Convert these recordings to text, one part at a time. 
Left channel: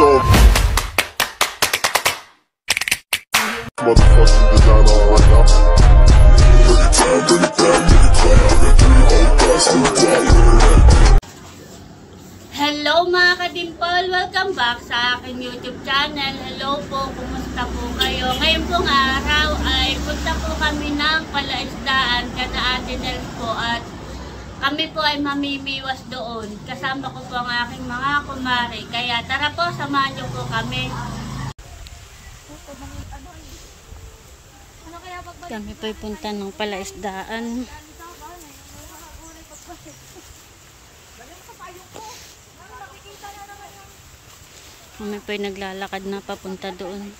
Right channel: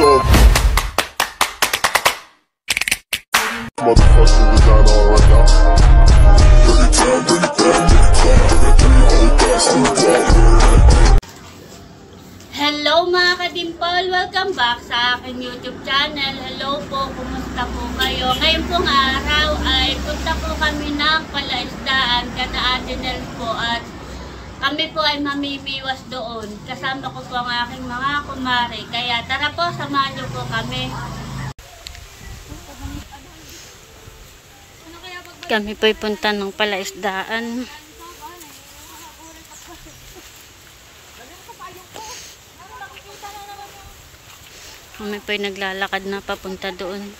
So motherfucking designer right now. Hello mga kadimpol! Welcome back sa aking YouTube channel. Hello po, kumusta po kayo? Ngayon pong araw ay punta po kami ng palaisdaan kada Atenel po at kami po ay mamimiwas doon. Kasama ko po ang aking mga kumare. Kaya tara po, samahan niyo po kami. Kami po ay punta ng palaisdaan. Kami po ay naglalakad na papunta doon.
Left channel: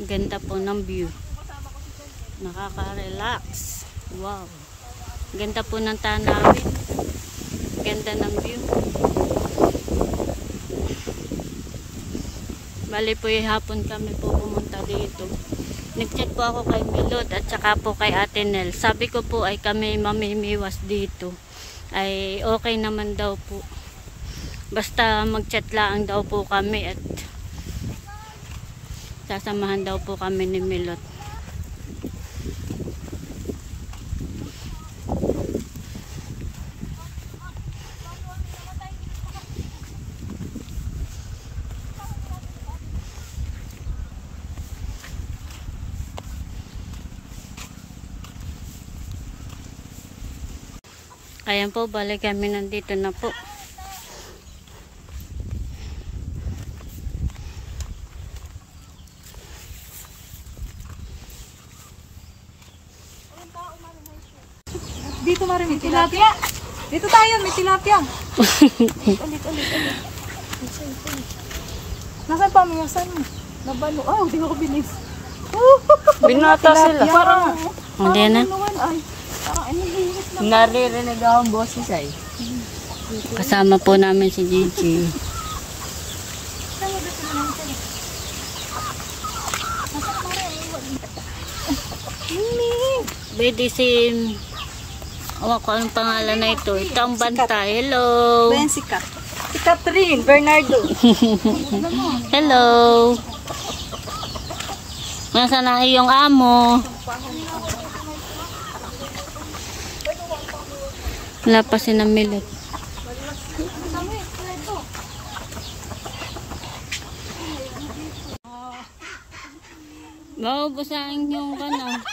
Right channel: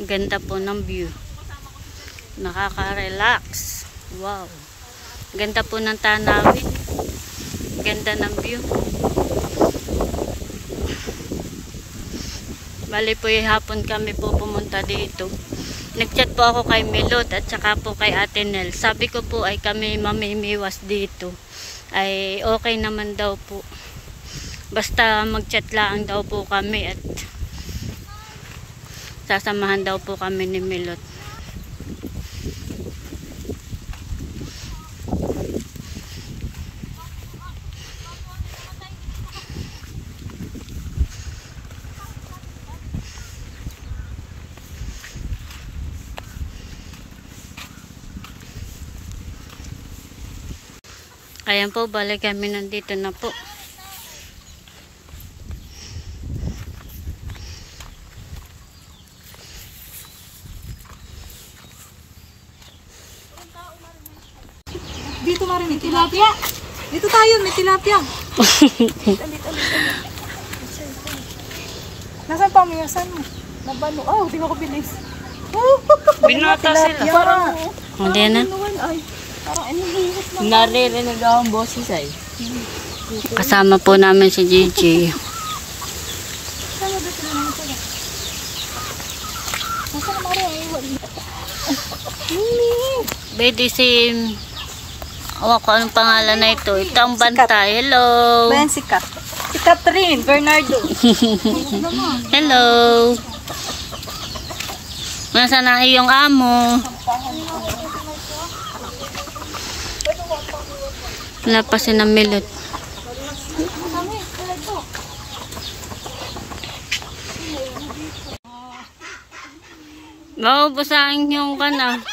Ganda po ng view. Nakaka-relax. Wow. Ganda po ng tanawin. Ganda ng view. Bali po yung hapon kami po pumunta dito. Nag-chat po ako kay Milot at saka po kay Atenel. Sabi ko po ay kami mamimiwas dito. Ay okay naman daw po. Basta mag-chat lang daw po kami at sasamahan daw po kami ni Milot. Ayan po, balik kami nandito na po. Dito marin may tilapia. Dito tayo, may tilapia. Nasaan pa miyasan mo? Nabalo. Oh, di ko bilis. Binata sila. Parang, hindi na. Parang inihiwas na. Naririnig akong boses ay. Kasama po namin si Gigi. Sama dito na naman sila. Nasaan pa rin? Mimi. Bedi si... Awa ko anong pangalan na ito. Ito ang banta. Hello. Bayan si Kat. Si Catherine Bernardo. Hello. Nasaan na iyong amo? Wala pa si Milot. Maubos ang inyong kana.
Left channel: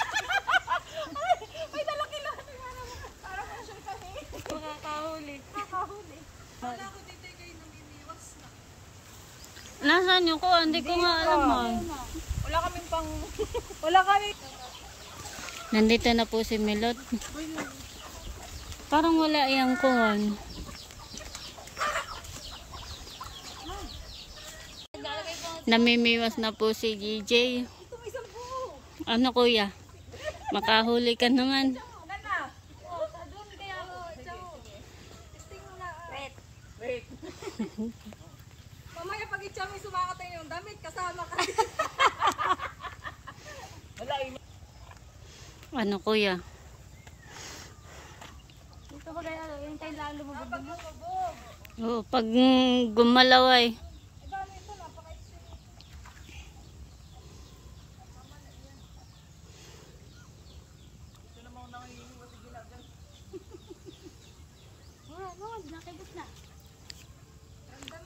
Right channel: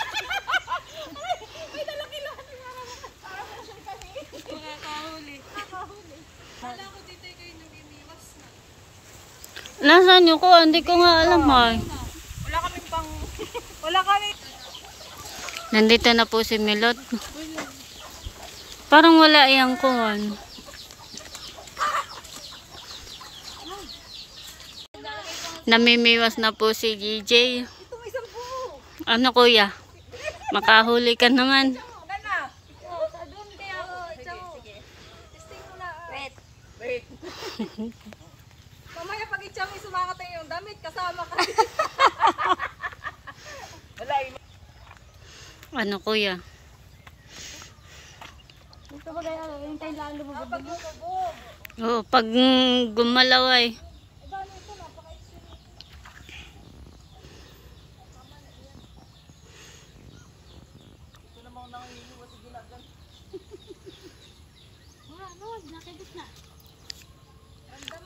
Nasaan nyo ko? Hindi ko nga alam ay. Wala kami pang... Wala kami... Nandito na po si Milot. Parang wala iyang kuhan. Namimiwas na po si DJ. Ano kuya? Makahuli ka naman. Mamaya pag itsang isumangat ang iyong damit, kasama ka. Ano kuya? Oo, pag gumalaw ay.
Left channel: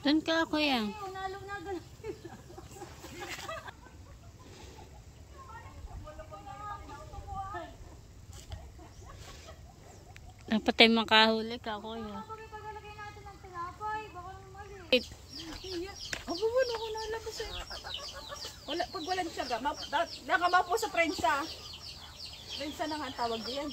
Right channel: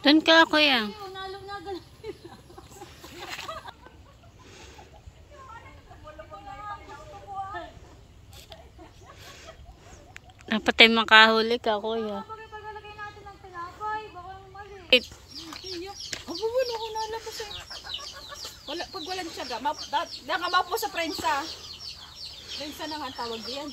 Doon ka kuya. Dapat ay makahuli ka, kuya. Abo, ano ko nalabas eh. Wala, pag walang tiyaga, nakamapo sa prensa. Rinsa na nga ang tawag diyan.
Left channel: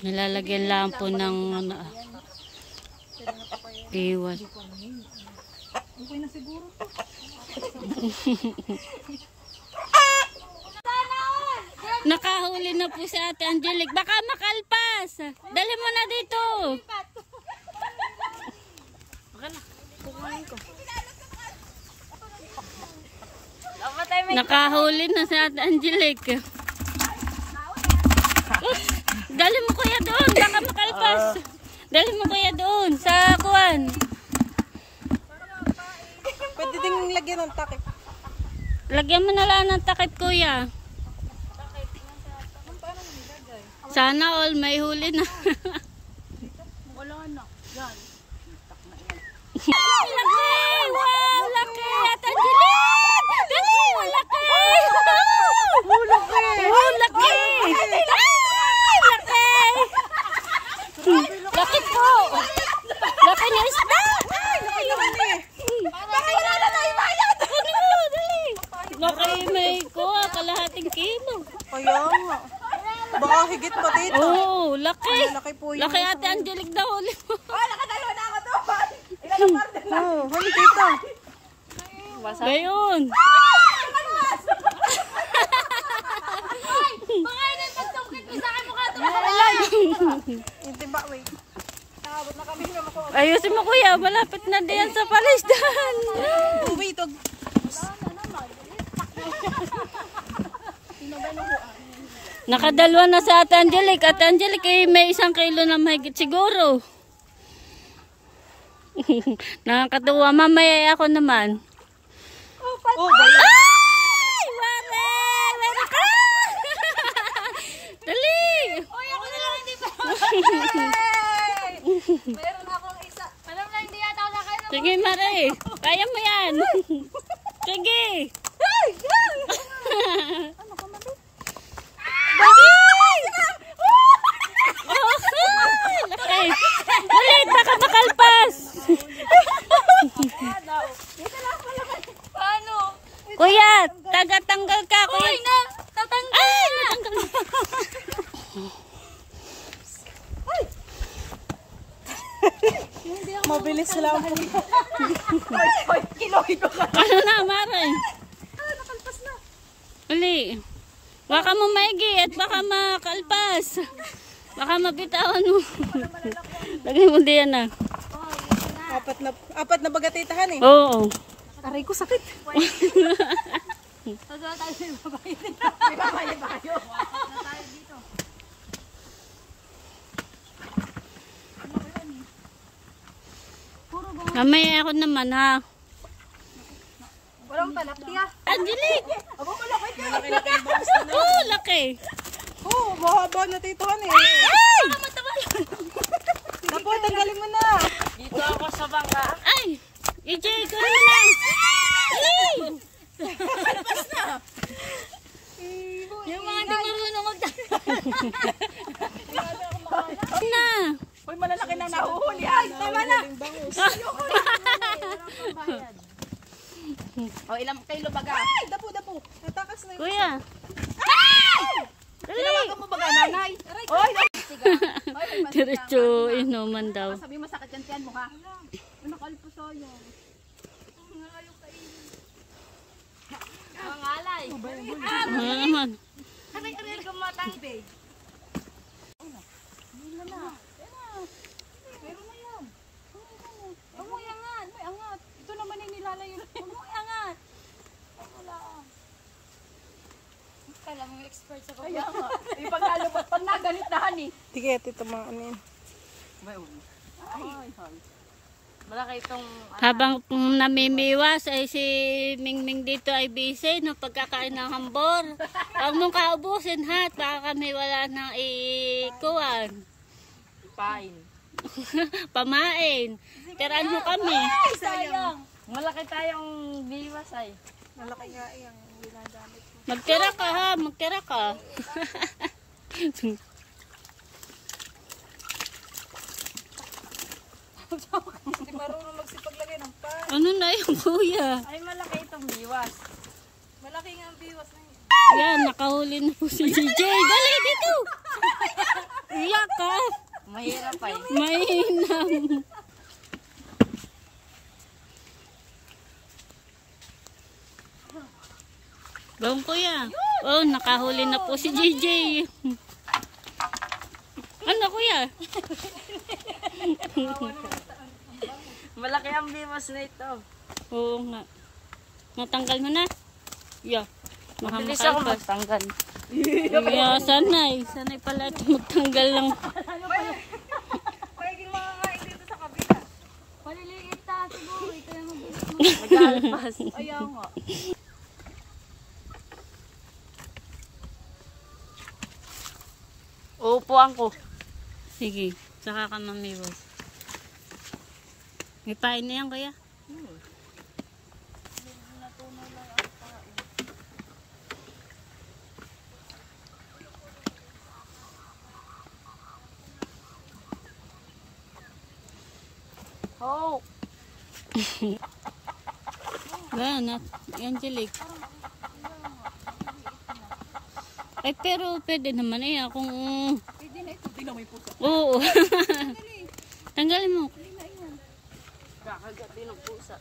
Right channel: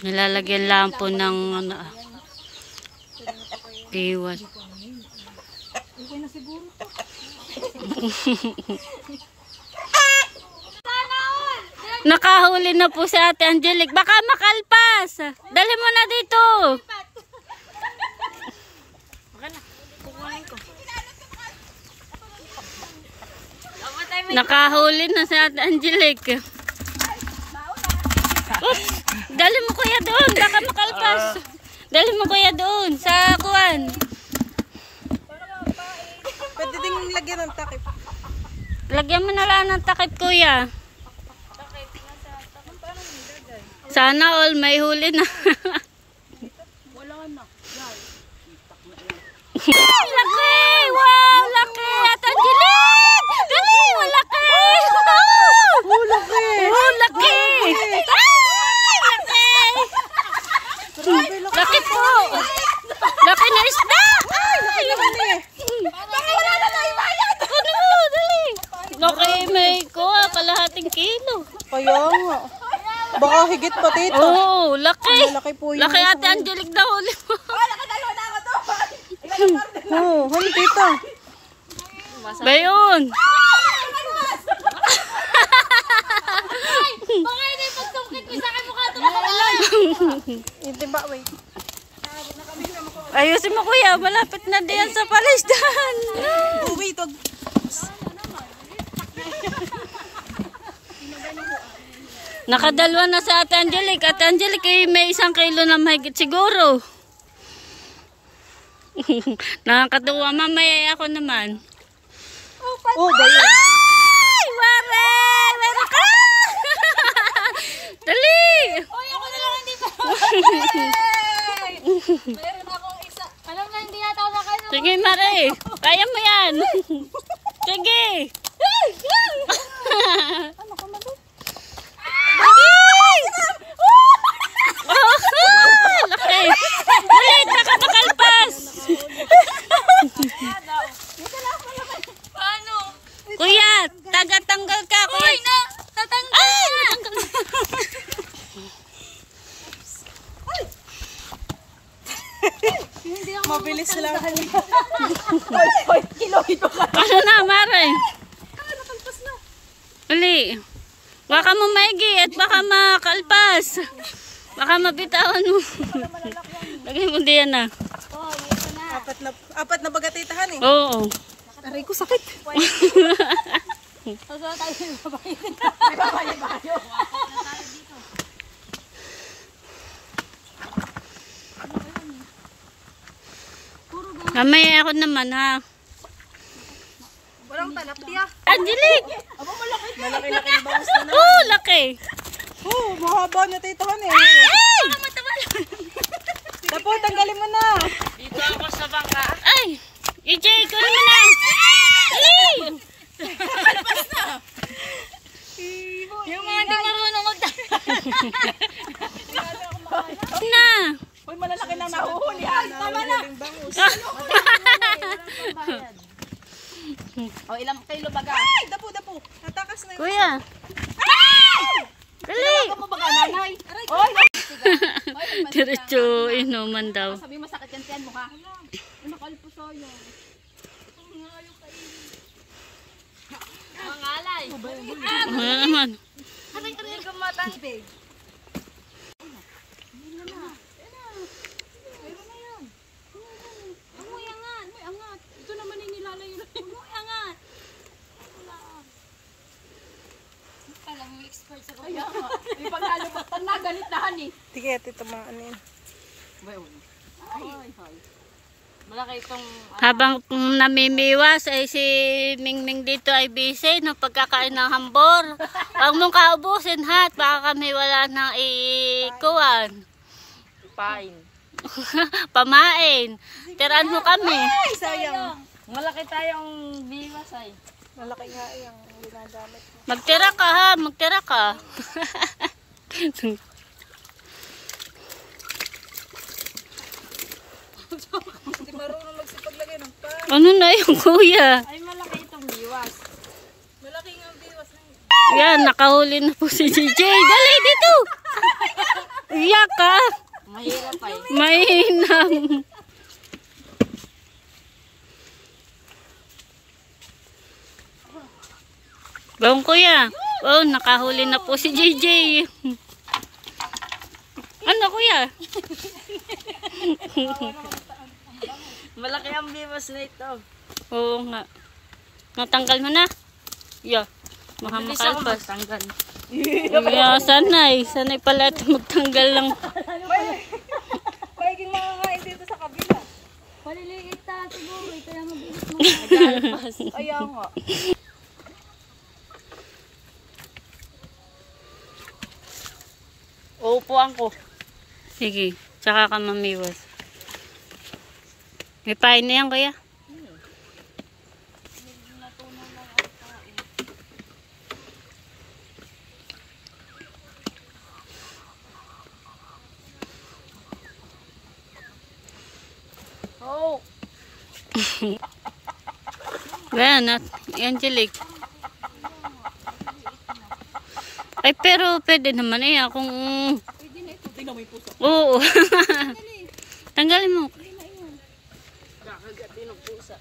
Nilalagyan lang po ng ano, iwan. Okay na siguro to. Nakahuli na po si Ate Angelique. Baka makalpas. Dali mo na dito. Nakahuli na si Ate Angelique. Dali mo kuya doon. Baka makalpas. Dali mo kuya doon sa kuwan. Pwede ding lagyan ng takip. Lagyan mo na lang ng takip kuya. Sana all may huli na. Wala na. Laki! Wow! Laki! At Angelique! Dali! Laki! Oh, laki! Ay! Laki! Laki po! Laki na isda! Ay! Bakit wala na tayo bayad? Ano? Dali! Laki may kuha, kalahating kilo. Kaya nga. Baka higit pa dito. Oh, laki! Laki po yun. Laki Ate Angelique na huli mo. Oh, nakadalawa na ako to. Oo, huli dito. Bayon! Baka yun yung pagtungkit ko sa akin mukha ito makamalay. Hindi ba, wait. Ayusin mo kuya, malapit na diyan sa palisdan. Wait, wag. Nakadalwa na sa Ate Angelique. Ate Angelique, may 1 kilo na mahigit siguro. Nakakatuwa. Mamaya ako naman. Oh, bayan. Ay! Mare! Meron ka! Dali! Oy, ako na lang hindi pa. Meron akong isa. Alam na, hindi yata nakaya. Sige, Mare. Kaya mo yan. Sige. Laki! Oh, laki! Dali, baka makalpas. Paano? Kuya, taga-tanggal ka. Kuya. Uy, na! Tatanggal! Ay, natanggal na. Mabilis lang. Oy, kiloid ka. Ano na, Mare? Nakalpas na. Uli. Baka mo maigi at baka makalpas. Baka mabitawan mo. Lagay mo diyan na. Apat na bagatitahan eh. Oo. Aray ko sakit. Sasal tayo ng babae. May babae bayo. Mamaya ako naman ha. Walang tanak tiya. Angelique! Aba mo laki. Malaki yung bangus na. Oh, laki! Oo, mahaba na titahan eh. Ay! Dapo, tanggalin mo na. Ay! EJ, kunin mo na! Ali! Kalpas na. Yung mga hindi marunong Na! Uy, malalaki na nahuhuli. Ay, tama na. O, ilang kilo baga? Ay, dapo. Natakas na yun. Kuya! Dali! Ano baga, nanay? Oy, Diretso inuman daw. sabi masakit yan tiyan mo ha. Nakalpas sa'yo. Mga alay. Ano naman? Aray, gumatang. Meron na yan. Amoy angat. May angat. Ito naman yung nilalayo na. Amoy angat. Kala mo yung expert sa kaya. Ay, paglalabot. Pag nagalit na hani. Sige, ito mga ano yan. Malaki itong... Habang namimiwas ay si Mingming dito ay busy no pagkakain ng hambor. Huwag mong kaubusin ha at baka kami wala nang ikuan. Pain. Pamain. Tiraan mo kami. Ay, sayang. Malaki tayong biwas ay. Malaki nga yung ginagamit. Magtira ka ha, magtira ka. Hindi marunong magsipaglagay Ano na yung kuya? Ay, malaki itong biwas. Malaki nga ang biwas na yun. Yan, nakahuli na po si JJ. Dali dito! Iyak ka! Mahirap ay. Mainam. Bawang kuya. Oh, nakahuli na po si JJ. Ano kuya? Malaki ang biwas na ito. Oo nga. Natanggal mo na? Yeah. Mabilis ako Makakalpas. magtanggal. Yeah, sanay. Sanay pala ito magtanggal lang. Paiging mga ngayon dito sa kabila. Paliligit ta siguro. Kaya mabilis mo. Naglalabas. Ayaw nga. Uupuan ko. Sige. Tsaka ka mamiwas. May pain na yan kuya? Oh. Ganyan, Angelic. Ay, pero pwede naman eh. Kung... Pwede na ito. Tingnan mo yung puso. Oo. Tanggalin mo. Kakagat din ang pusa.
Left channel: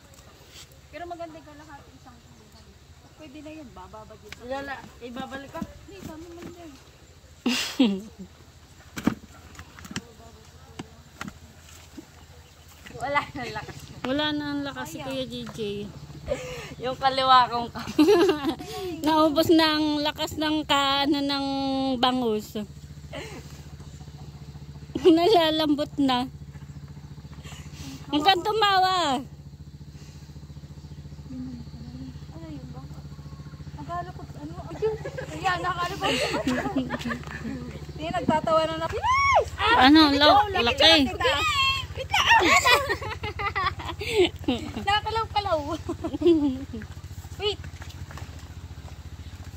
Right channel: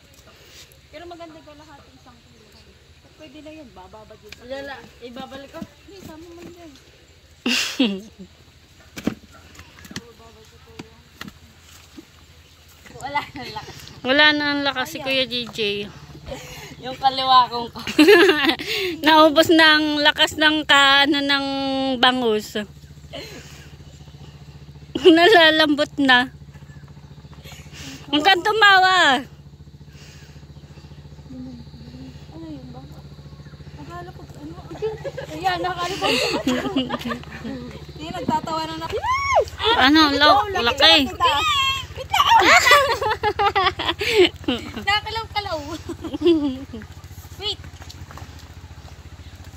Pero maganda ka lahat isang tuluhan. Pwede na yan. Bababad yun. Lala, ibabalik ko. Hindi, sama mo yun. Wala nang lakas. Wala na ang lakas si Kuya JJ. Yung kaliwa kong Naubos na ang lakas ng kaano ng bangus. Nalalambot na. Ang kan tumawa. Akala ko, ano? Ayan, nakalibot. Hindi, nagtatawa na na. Ano, laki. Nakakalaw-kalaw. Wait.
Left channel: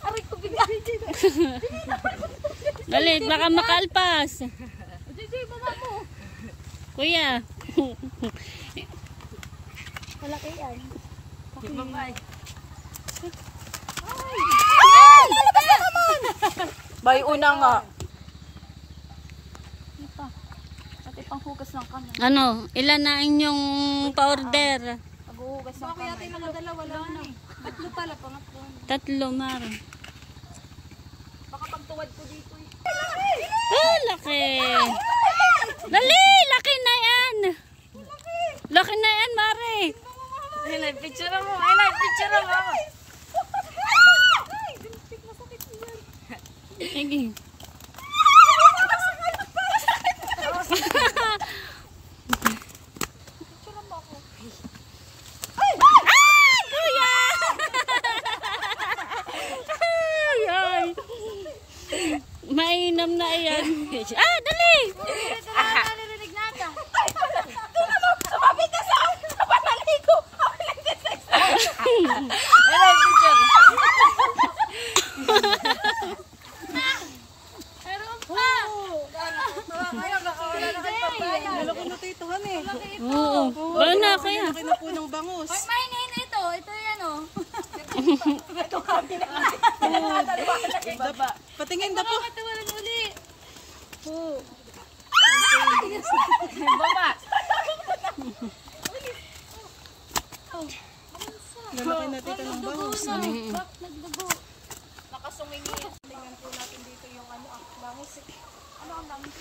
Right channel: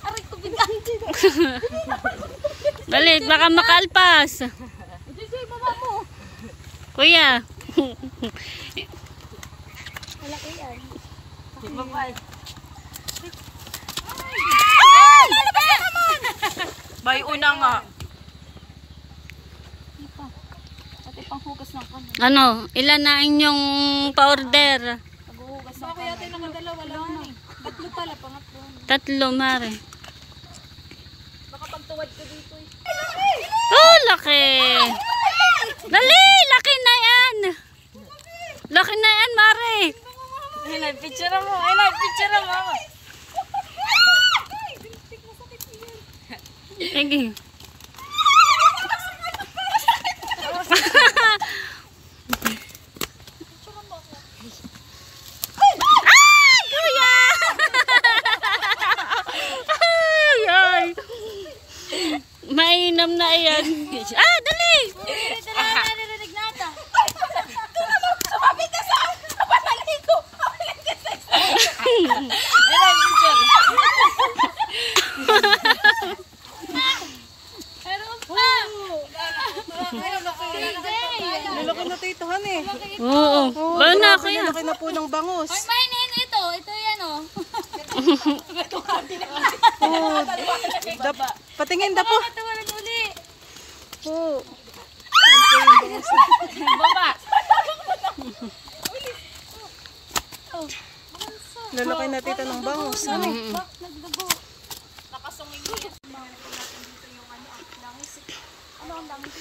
Aray ko bigla. Dali, baka makalpas. JJ, baba mo. Kuya. Malaki yan. Bye-bye. Bay, una nga. Ipa. Pati panghugas ng kanan. Ano, ilan na inyong pa-order? Paghuhugas ng Baka kanan. yata yung nakadalawa lang eh. Tatlo pala, pangatlo. 3, mare. Baka pagtuwad ko dito eh. Oh, laki. Dali, laki na yan. Laki na yan, mare. Ay, picture mo. Ay, picture mo. Sige. Ah, kuya! Ay, ay. Mainam na yan. Ah, dali! Narinig nata. Sumabi ka sa panali ko! Ay, picture. Meron pa. Malaki na tituhan eh. Oo. Bawa na, kuya. Malaki na po ng bangus. Ay, mainin ito. Ito yan oh. Patingin na po. Ito wala uli. Baba. Lalaki na tito ng bangus. Nagdugo. Nakasungin mo yan. Tingnan po natin dito yung ano, langis. Ano ang langis?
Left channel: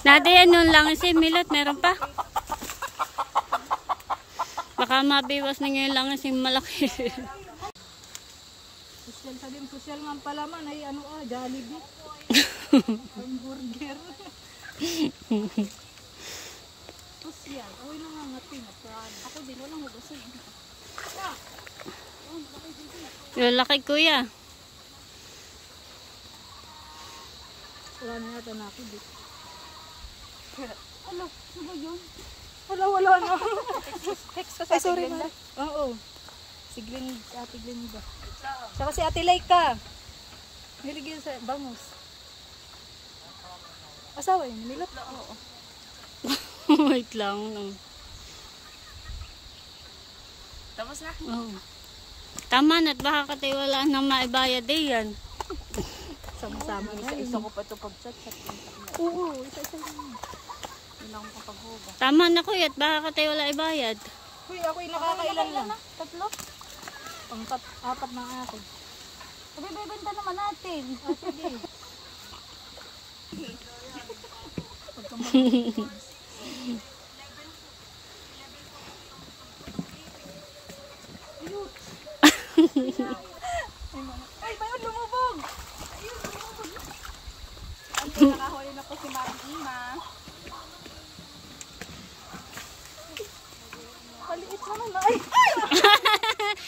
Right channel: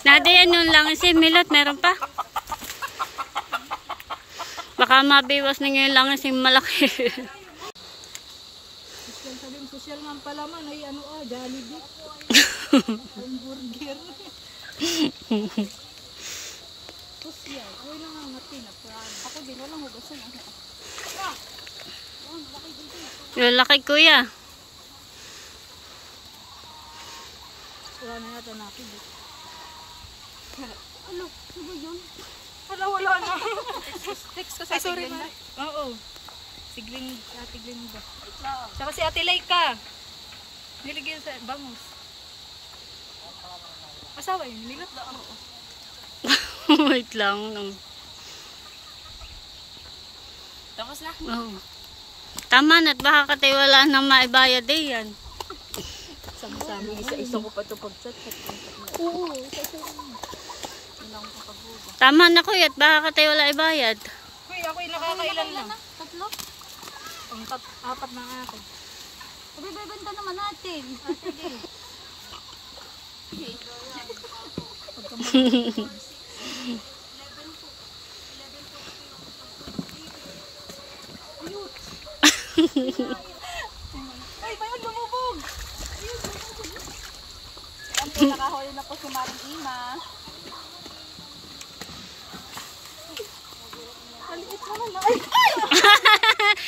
Nada yan yung lang si Milot, meron pa. Baka mabiwas na ngayon lang si malaki. Social, sabihin, social nga ang palaman ay ano Jollibee. Hamburger. Social. Away na nga ngatin. Ako din, walang hugasan. Yung laki kuya. Wala na yata natin dito. Ano? Ano ba yun? Wala na. Ay, sorry na. Oo. Si Green, Ate Green ba? Tsaka si Ate Laika. Niligyan sa bangus. Asawa yun, nilot lang. Wait lang. Tapos na. Oh. Tama na at baka katay wala nang maibayad eh yan. Sama-sama. Isa-isa ko pa ito pag-chat. Oo, isa-isa. Tama na kuya at baka katay wala ibayad. Uy, ako'y nakakailan lang. Tatlo? Apat na ako. Bibenta naman natin. Ay, bayon lumubog! Ayan po, nakahuli na po si Marang Ima. Paliit naman na. Ay!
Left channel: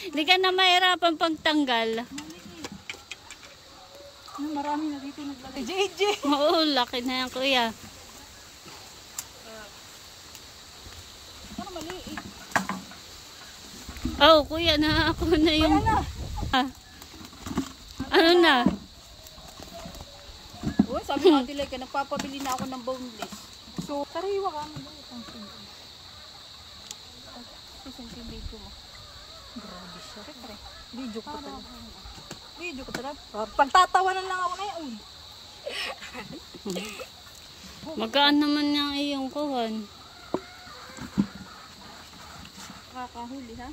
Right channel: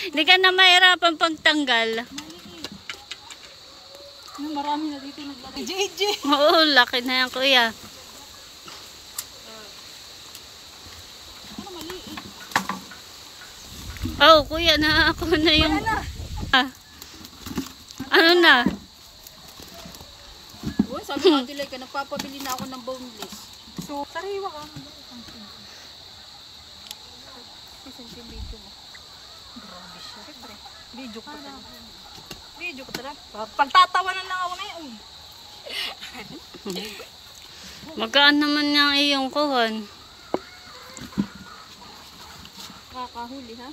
Hindi ka na mahirapan pagtanggal. Marami na dito naglagay. JJ! Oo, laki na yan kuya. Ano maliit? Oh, kuya na ako na yung... Ah. Ano na? Oh, sabi ko nila ka, nagpapabili na ako ng boneless. So, sariwa ka. Video ko talaga. Video ko talaga. Pagtatawanan lang ako ngayon. Magaan naman yung iyong kuhan. Kakahuli ha?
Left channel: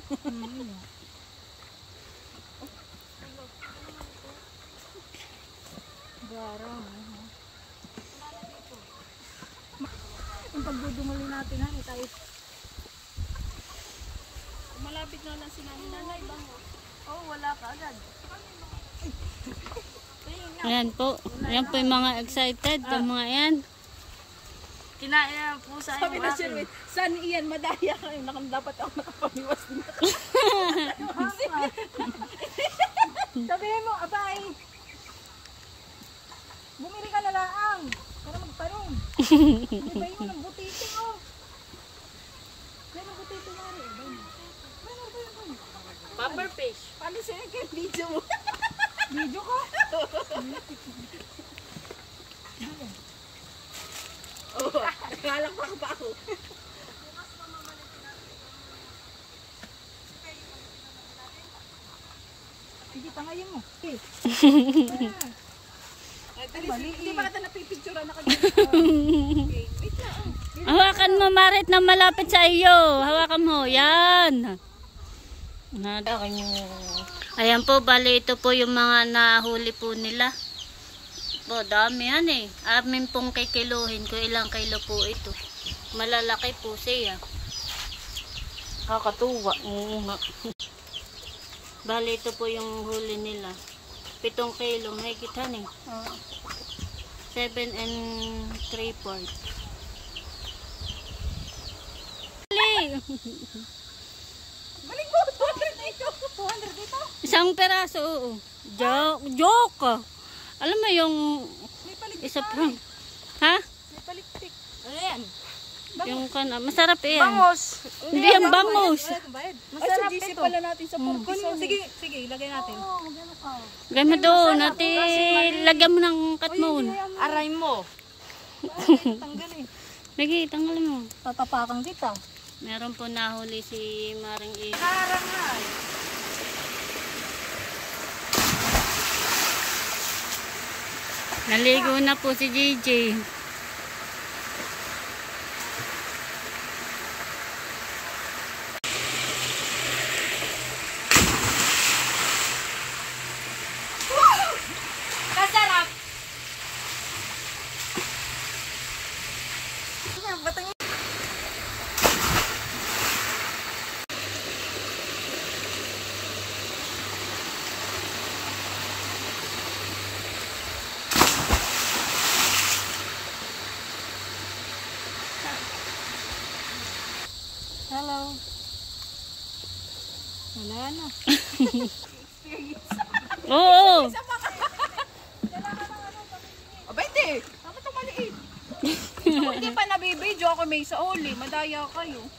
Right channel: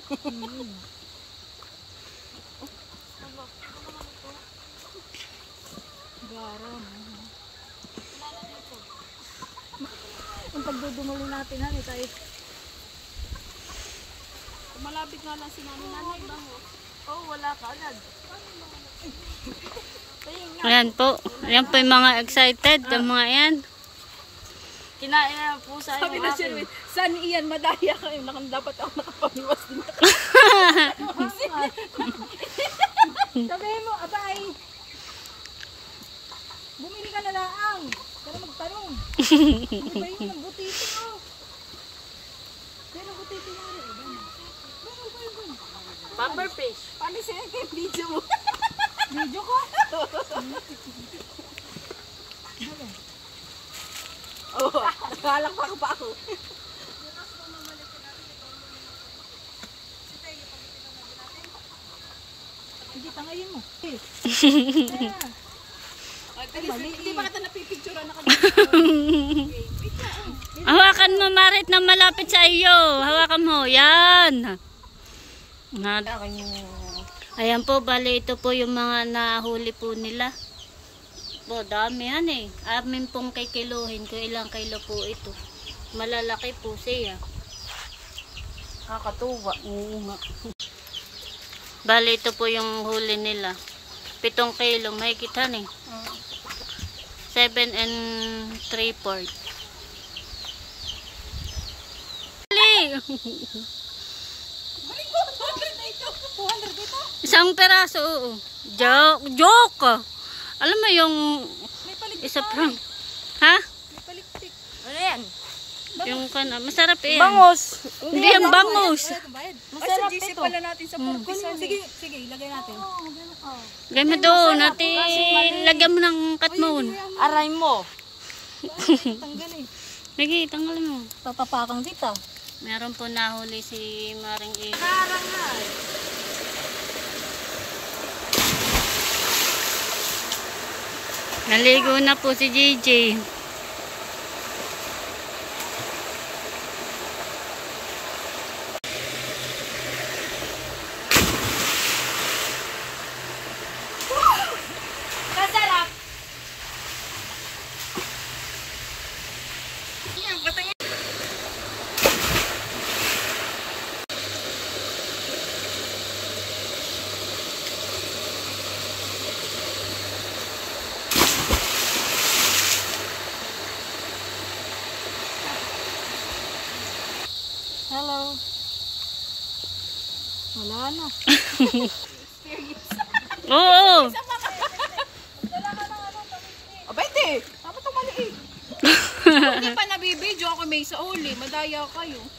Garam. Yung pagdudumuli natin, hani, tayo. Malapit na lang si nanay ba mo? Oh, wala ka agad. Ayan po. Ayan po yung mga excited. Yung mga yan. Kinain na ng pusa Sabi yung na akin. siya, saan iyan, madaya ka. Dapat ako nakapamiwas din. Sabihin mo, abay. Bumili ka na lang. Para magtanong. Hindi ba yun ang butito mo? Kaya ang butito mo rin. Ba? Bumper fish. Palisin ka yung video mo. Video ko? Oh, nakalakpak pa ako. Sige, tangayin mo. Hindi ba kita napipicturean na Hawakan mo, Marit, na malapit sa iyo. Hawakan mo. Yan. Ayan po, bali ito po yung mga nahuli po nila. Po, dami yan eh. Amin pong kikiluhin ko ilang kilo po ito. Malalaki po siya. Kakatuwa. Oo nga. Bali ito po yung huli nila. 7 kilo, mahigit han eh. 7 and 3/4. Bali! 200 dito? Isang peraso, oo. Joke! Alam mo yung May paliktik. isa pang... Ha? May paliktik. Ano yan? Yung masarap yan. Bangus. Hindi yan bangus. Masarap ito. Pala natin sa sige, sige, ilagay natin. Gawin mo doon, natin lagyan mo ng katmon. Aray mo. Tanggal eh. Sige, tanggal mo. Tatapakan kita. Meron po nahuli si Maring E. Karangal. Naligo na po si JJ. Kasarap. Hello. Wala na. Oo. Abay, hindi. Dapat ito maliit. Hindi pa nabibidyo ako may sa uli. Madaya kayo.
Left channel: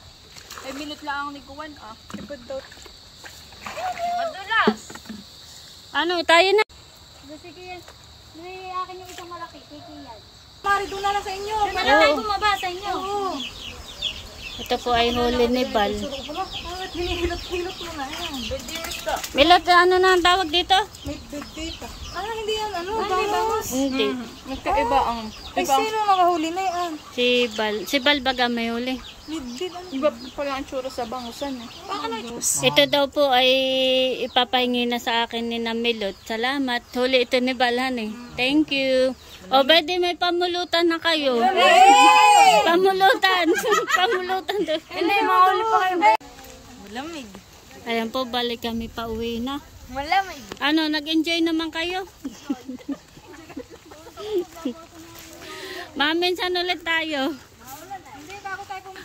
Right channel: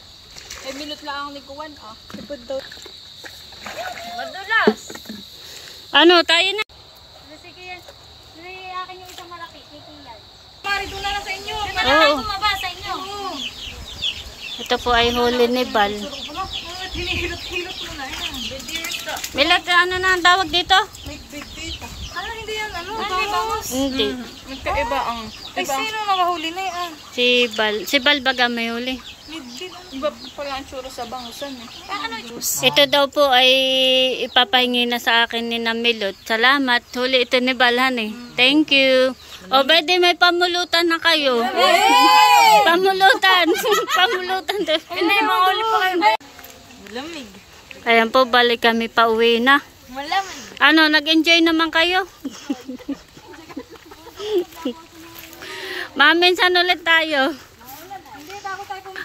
Ay, minute lang ni Kuwan ah. Madulas. Ano, tayo na. Sige yan. Akin yung isang malaki. Kay Kunan. Mari, doon na lang sa inyo. Oo. Tumaba sa inyo. Ito po ay huli ni Bal. Hinihilot-hilot mo na yan. Milot, ano na ang tawag dito? Big data. Ano, hindi yan, ano? Bangus. Hindi. Magkaiba ang. Ay, sino nakahuli na yan? Si Bal. Si Bal baga may huli. Lidbid, ano? Iba pala ang churro sa bangusan eh. Ito daw po ay ipapahingi na sa akin ni na Milot. Salamat. Huli ito ni Balhan eh. Thank you. O, pwede may pamulutan na kayo. Pamulutan. Pamulutan. Hindi mo uli pa kayo. Malamig. Ayan po, balik kami pa uwi na. Malamig. Ano, nag-enjoy naman kayo? Minsan ulit tayo.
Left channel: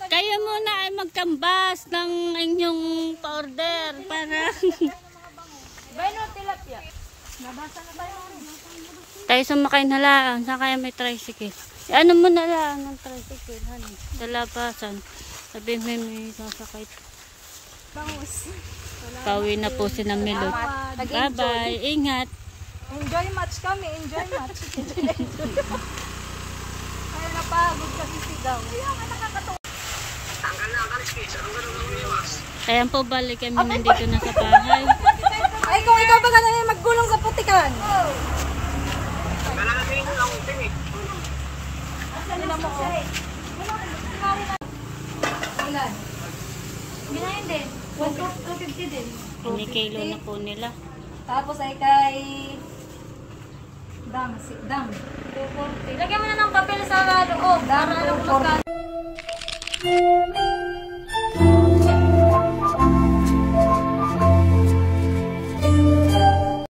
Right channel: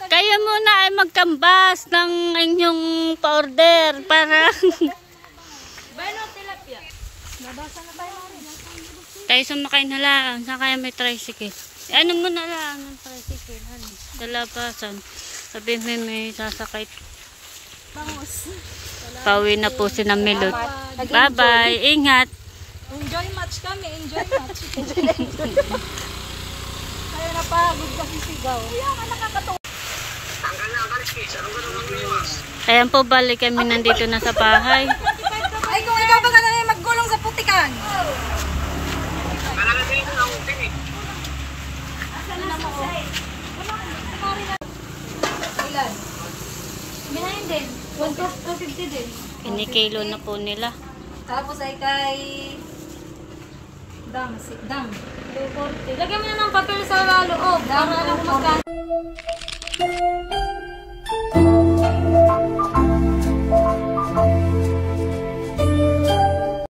Kayo muna ay magkambas ng inyong pa-order para tayo sumakay na lang. Saan kaya may tricycle? Ano muna lang ng tricycle? Dalabasan. Sabi may sasakay. Pauwi na po si na Milot. Bye-bye. Ingat. Enjoy match kami, enjoy match. Kaya na pa, magkasisigaw. Ayan po, balik kami nandito na sa bahay. Ay, kung ikaw ka na maggulong sa putikan. Ilan? Minahin din. 250 din. Kinikilo na po nila. Tapos ay kay Dang. 240. Lagyan mo na ng papel sa loob. Dang, 240.